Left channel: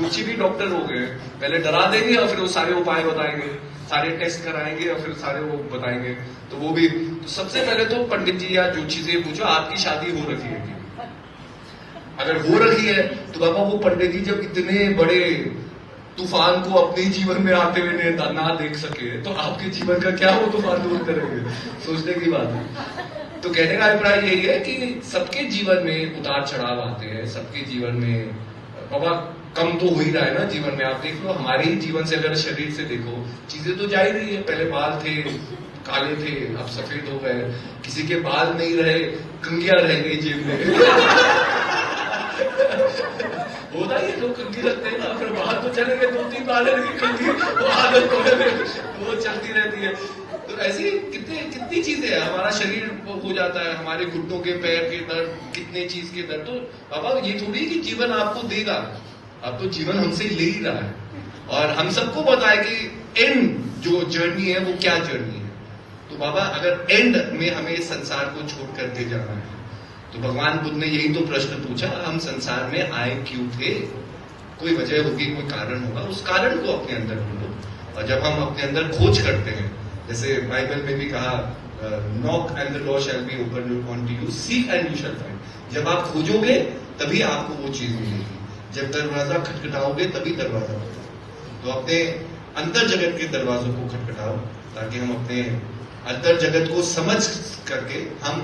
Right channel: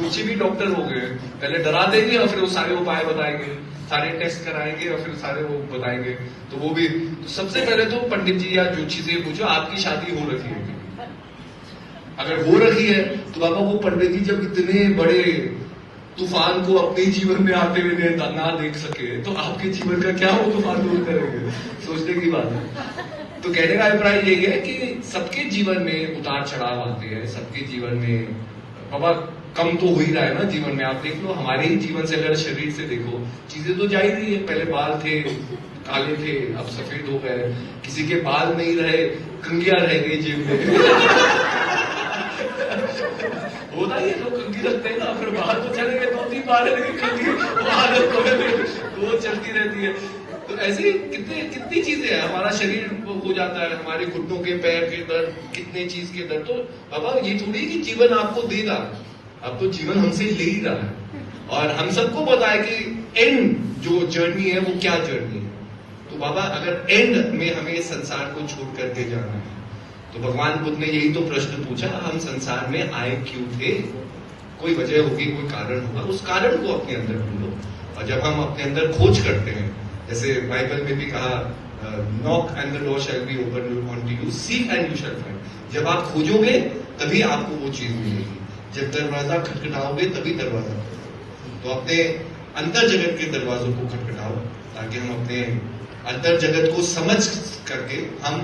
जोशी भी डॉक्टर हो गए, पहले डरा देंगे और फिर वो सारे उपाय बताएंगे, सारे टेस्ट कराएंगे और फिर सारे वो बताएंगे। तो वो भी तो सबसे पहले तो पंडित जी या जोशी से पूछो आपकी शादी हो रखी है क्या? अगर हो रखी है तो बाबा वो पंडित जी जब इतने बड़े तूफान को अपने जीवन में आते हुए ना देख सके तो आपके जीवन का क्या वो तूफान दूर करेंगे? सोचने की बात है। तो कहने का अभिप्राय यही है कि सबके जीवन में उतार चढ़ाव आते हैं, सबके जीवन में बाबा कम तो हो ही रहा है ना जीवन में। आप देख लो हमारे ही जीवन से, अगर शरीर से देखो, चीजें तो जा ही रही है। पहले बाल थे काले थे, अब सफेद हो गए, किसी के बाल नहीं रहे, कंगियां रह गई जेब में। होता ही है, लोग कंगी रखते हैं ना, फिर बाहर तो चले गए, 2-3 बाल लगी कंगी, वो चलती रहती है। तो ऐसी कितनी चीजें हैं, हमारा शरीर हो जाता है, हमारे घुटनों के पैर के दर्द, कितने चीज के दर्द। तो बाबा ये थोड़ी कि जीवन आपको देगा, अब तो जीवन हमसे ले ही रहा है। और हम सबको पता है कि एंड जो जर्नी है वो क्या जर्नी है। तो बाबा अगर एंड में हमें इस संसार को छोड़ करके जाना है तो भगवान बुद्ध ने यही तो प्रश्न पूछा, हम संसार में आए क्यों थे? कोई वजह होगी, कोई कारण होगा, उस कारण को अपने अंदर ढूंढो। और जब हम अपने अंदर खोज करते हैं, जैसे बाइबल में भी कहा, knock and the door shall be open unto you, seek and you shall find. जब आप खोजोगे तभी आपको वो चीज मिलेगी, जब दरवाजा खटखटाओगे तभी दरवाजा। तो अपने अंतर जगत के दरवाजों को खटखटाओ ताकि हम अपने अंतर जगत को समझ करके हम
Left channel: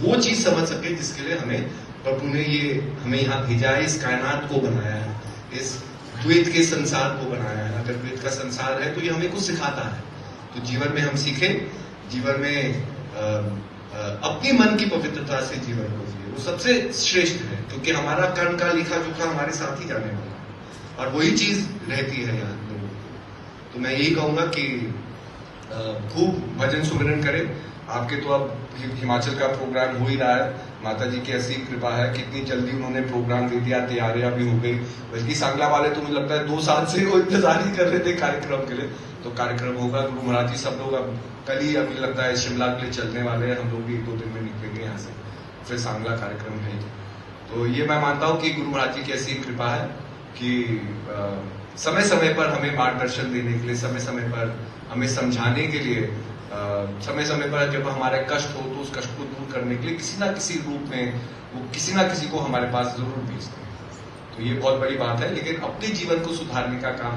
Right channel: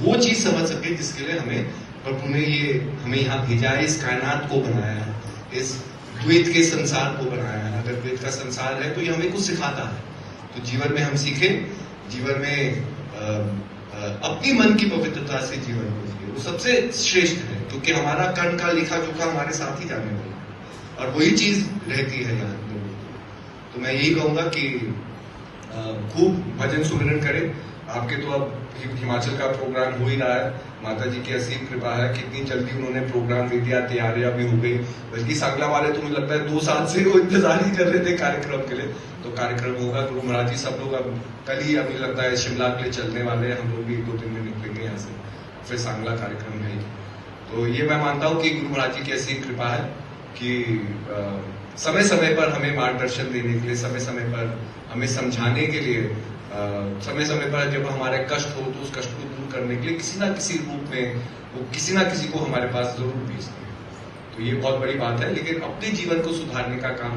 वो चीज समझ सके जिसके लिए हमें प्रभु ने ये हमें यहाँ भेजा है, इस कायनात को बनाया है, इस द्वैत के संसार को बनाया है। अगर द्वैत का संसार है तो ये हमें कुछ सिखाता है। तो जीवन में हम सीखे, जीवन में अपनी मन की पवित्रता से जीवन को जिए, वो सबसे श्रेष्ठ है, क्योंकि हमारा कर्म का लिखा जोखा हमारे साथ ही जाने वाला और वही चीज रहती है यहाँ पे। तो मैं यही कहूंगा कि खूब भजन सुमिरन करें। आपके तो अब हिमाचल का प्रोग्राम हो ही रहा है, माता जी की ऐसी कृपा है, कितनी जल्दी उन्होंने प्रोग्राम दे दिया, तैयारियां भी हो गई। बल्कि सांगला वाले तो मुझे लगता है 2 साल से वो इंतजार ही कर रहे थे कार्यक्रम के लिए। तो कार्यक्रम होगा तो मराठी सब लोग अब कल ही मुझे लगता है शिमला के लिए चलने वाले हैं, हम लोग भी 1-2 दिन में निकलेंगे यहाँ से, फिर सांगला कार्यक्रम है। तो ये मैं मानता हूँ कि गुरु महाराज जी की ऐसी कृपा है कि समय समय पर हमें मार्गदर्शन देने के लिए, समय समय पर हमें समझाने के लिए, समय समय पर जब हमारा कष्ट हो तो उस कष्ट को दूर करने के लिए किसी ना किसी रूप में वो किसी ना किसी को हमारे पास जरूर भेजते हैं। तो ये बहुत बड़ी बात है, लेकिन अपने जीवन को सुधारने का काम